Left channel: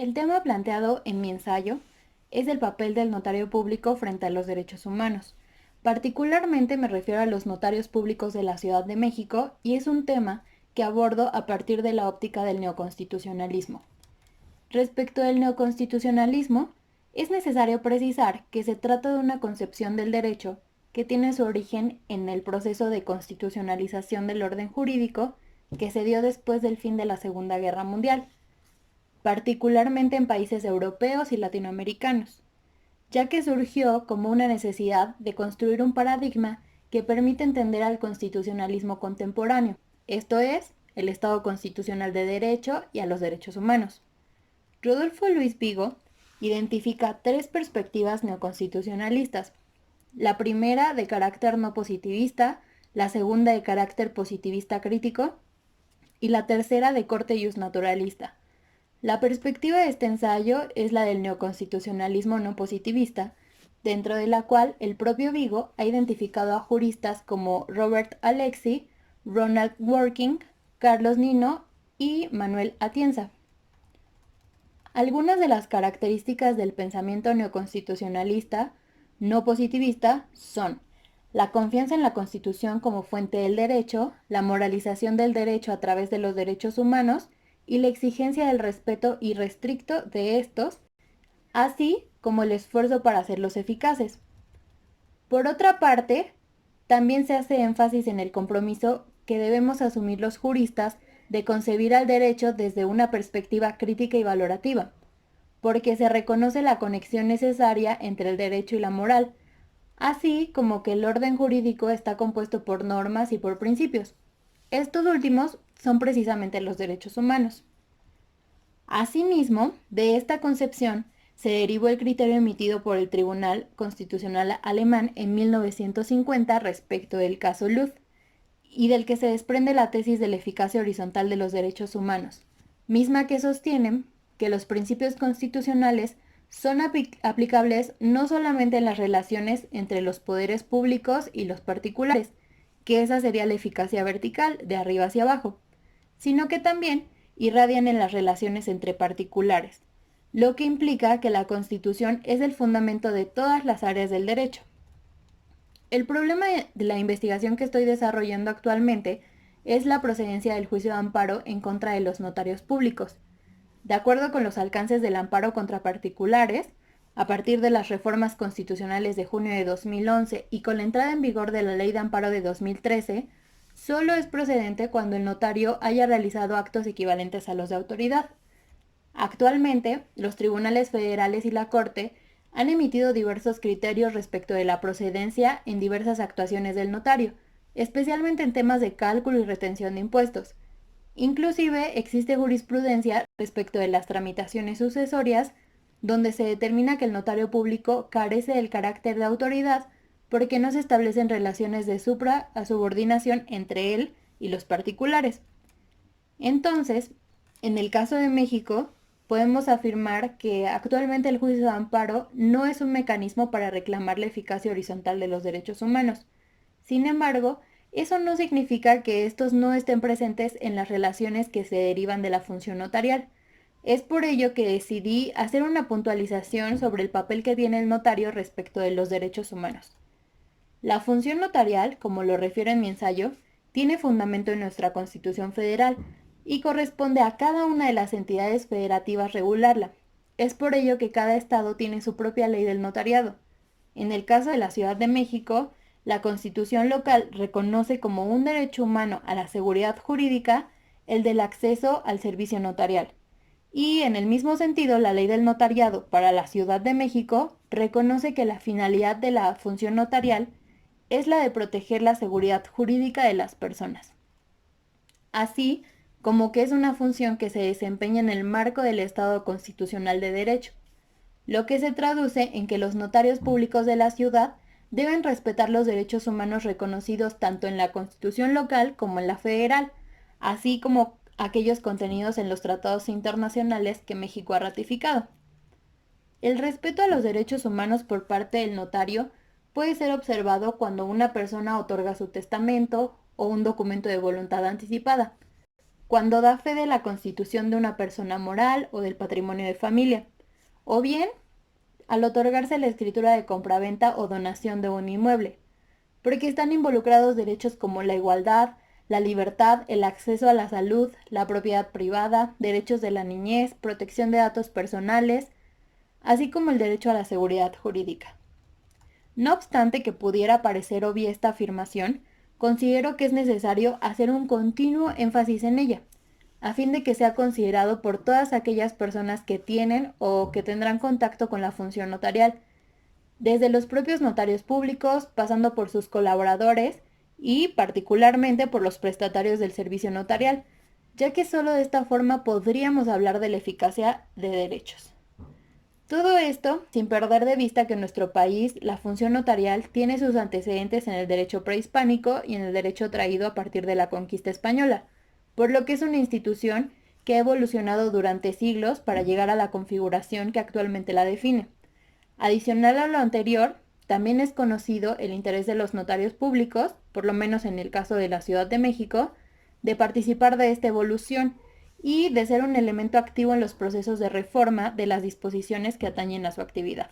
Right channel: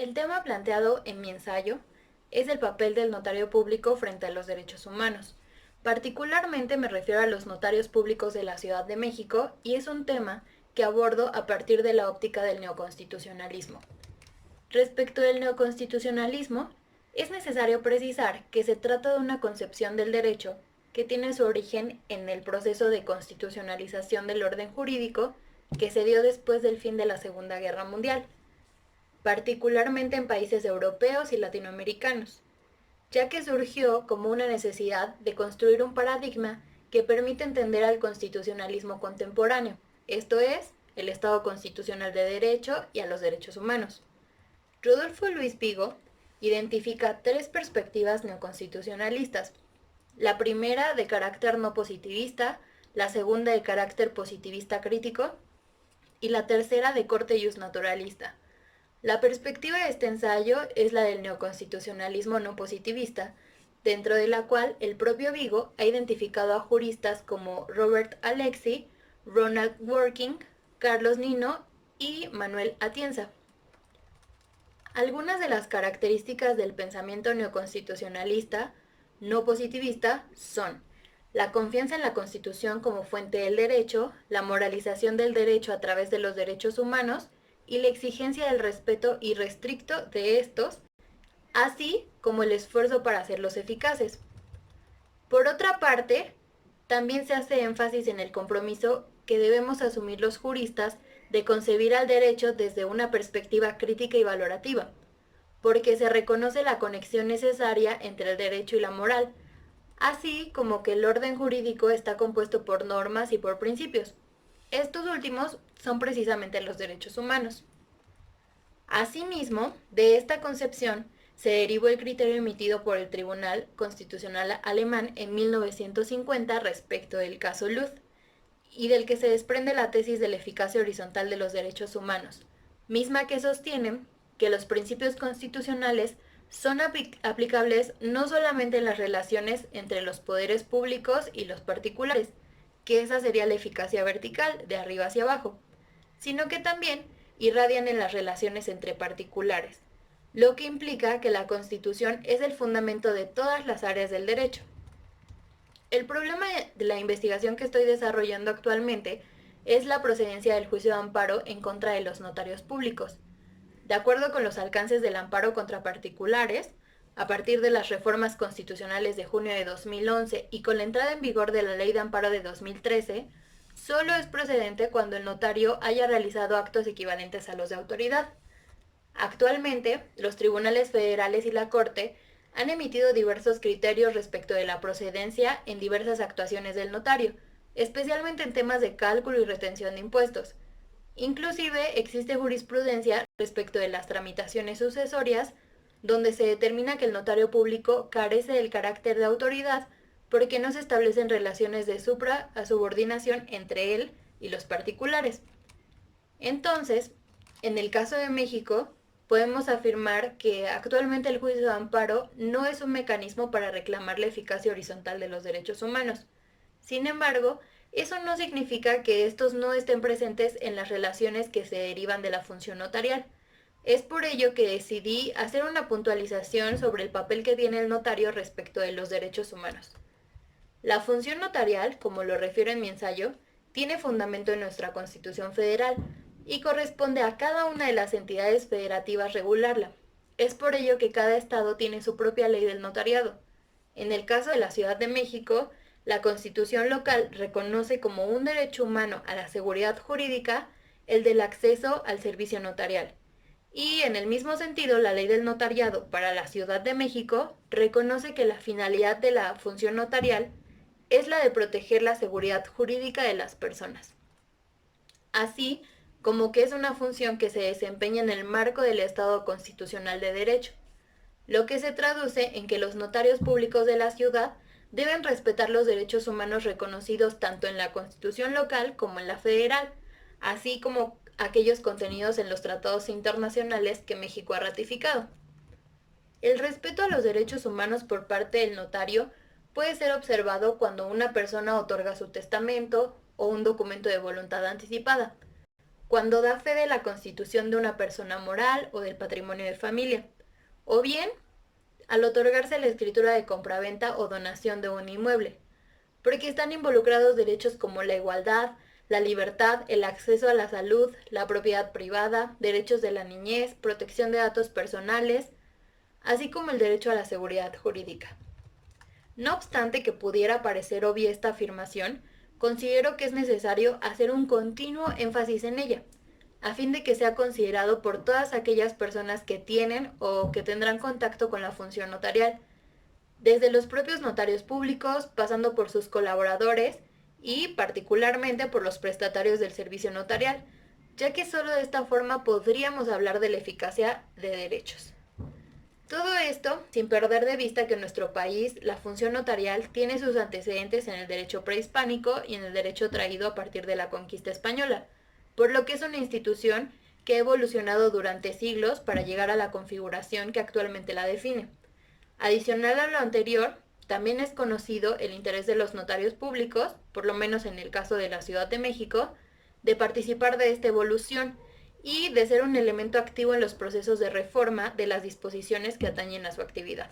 El tema planteado en mi ensayo es el papel del notario público frente a los derechos humanos. Particularmente me refiero a los notarios públicos de la Ciudad de México y es un tema que abordo a partir de la óptica del neoconstitucionalismo. Respecto del neoconstitucionalismo, es necesario precisar que se trata de una concepción del derecho que tiene su origen en el proceso de constitucionalización del orden jurídico que se dio después del fin de la Segunda Guerra Mundial, particularmente en países europeos y latinoamericanos, ya que surgió como una necesidad de construir un paradigma que permite entender al constitucionalismo contemporáneo, esto es, el Estado constitucional de derecho y a los derechos humanos. Rodolfo Luis Vigo identifica tres perspectivas neoconstitucionalistas: la primera de carácter no positivista, la segunda de carácter positivista crítico y la tercera de corte justnaturalista. La perspectiva de este ensayo es la del neoconstitucionalismo no positivista, dentro de la cual el propio Vigo ha identificado a juristas como Robert Alexy, Ronald Working, Carlos Nino y Manuel Atienza. Algunas de las características del pensamiento neoconstitucionalista no positivista son la confianza en la Constitución como fuente del derecho, la moralización del derecho a través de los derechos humanos y la exigencia del respeto irrestricto de estos, así como el esfuerzo para hacerlos eficaces. Por otra parte, también se hace énfasis en el compromiso que debemos asumir los juristas de concebir al derecho desde una perspectiva crítica y valorativa, porque se reconoce la conexión necesaria entre el derecho y la moral, así como que el orden jurídico está compuesto por normas y por principios. Estos últimos son precisamente los derechos humanos. Asimismo, de esta concepción se derivó el criterio emitido por el Tribunal Constitucional alemán en 1950 respecto del caso Luth, y del que se desprende la tesis de la eficacia horizontal de los derechos humanos, misma que sostienen que los principios constitucionales son aplicables no solamente en las relaciones entre los poderes públicos y los particulares, que esa sería la eficacia vertical, de arriba hacia abajo, sino que también irradian en las relaciones entre particulares, lo que implica que la Constitución es el fundamento de todas las áreas del derecho. El problema de la investigación que estoy desarrollando actualmente es la procedencia del juicio de amparo en contra de los notarios públicos. De acuerdo con los alcances del amparo contra particulares, a partir de las reformas constitucionales de junio de 2011 y con la entrada en vigor de la Ley de Amparo de 2013, solo es procedente cuando el notario haya realizado actos equivalentes a los de autoridad. Actualmente, los tribunales federales y la Corte han emitido diversos criterios respecto de la procedencia en diversas actuaciones del notario, especialmente en temas de cálculo y retención de impuestos. Inclusive existe jurisprudencia respecto de las tramitaciones sucesorias, donde se determina que el notario público carece del carácter de autoridad porque no se establecen relaciones de supra a subordinación entre él y los particulares. Entonces, en el caso de México, podemos afirmar que actualmente el juicio de amparo no es un mecanismo para reclamar la eficacia horizontal de los derechos humanos. Sin embargo, eso no significa que estos no estén presentes en las relaciones que se derivan de la función notarial. Es por ello que decidí hacer una puntualización sobre el papel que tiene el notario respecto de los derechos humanos. La función notarial, como lo refiero en mi ensayo, tiene fundamento en nuestra Constitución Federal y corresponde a cada una de las entidades federativas regularla. Es por ello que cada estado tiene su propia ley del notariado. En el caso de la Ciudad de México, la Constitución local reconoce como un derecho humano a la seguridad jurídica el del acceso al servicio notarial. Y en el mismo sentido, la ley del notariado para la Ciudad de México reconoce que la finalidad de la función notarial es la de proteger la seguridad jurídica de las personas, así como que es una función que se desempeña en el marco del Estado constitucional de derecho, lo que se traduce en que los notarios públicos de la ciudad deben respetar los derechos humanos reconocidos tanto en la Constitución local como en la federal, así como aquellos contenidos en los tratados internacionales que México ha ratificado. El respeto a los derechos humanos por parte del notario puede ser observado cuando una persona otorga su testamento o un documento de voluntad anticipada. cuando da fe de la constitución de una persona moral o del patrimonio de familia, o bien al otorgarse la escritura de compraventa o donación de un inmueble, porque están involucrados derechos como la igualdad, la libertad, el acceso a la salud, la propiedad privada, derechos de la niñez, protección de datos personales, así como el derecho a la seguridad jurídica. No obstante que pudiera parecer obvia esta afirmación, considero que es necesario hacer un continuo énfasis en ella, a fin de que sea considerado por todas aquellas personas que tienen o que tendrán contacto con la función notarial, desde los propios notarios públicos, pasando por sus colaboradores y particularmente por los prestatarios del servicio notarial, ya que solo de esta forma podríamos hablar de la eficacia de derechos. Todo esto sin perder de vista que en nuestro país la función notarial tiene sus antecedentes en el derecho prehispánico y en el derecho traído a partir de la conquista española, por lo que es una institución que ha evolucionado durante siglos para llegar a la configuración que actualmente la define. Adicional a lo anterior, también es conocido el interés de los notarios públicos, por lo menos en el caso de la Ciudad de México, de participar de esta evolución y de ser un elemento activo en los procesos de reforma de las disposiciones que atañen a su actividad.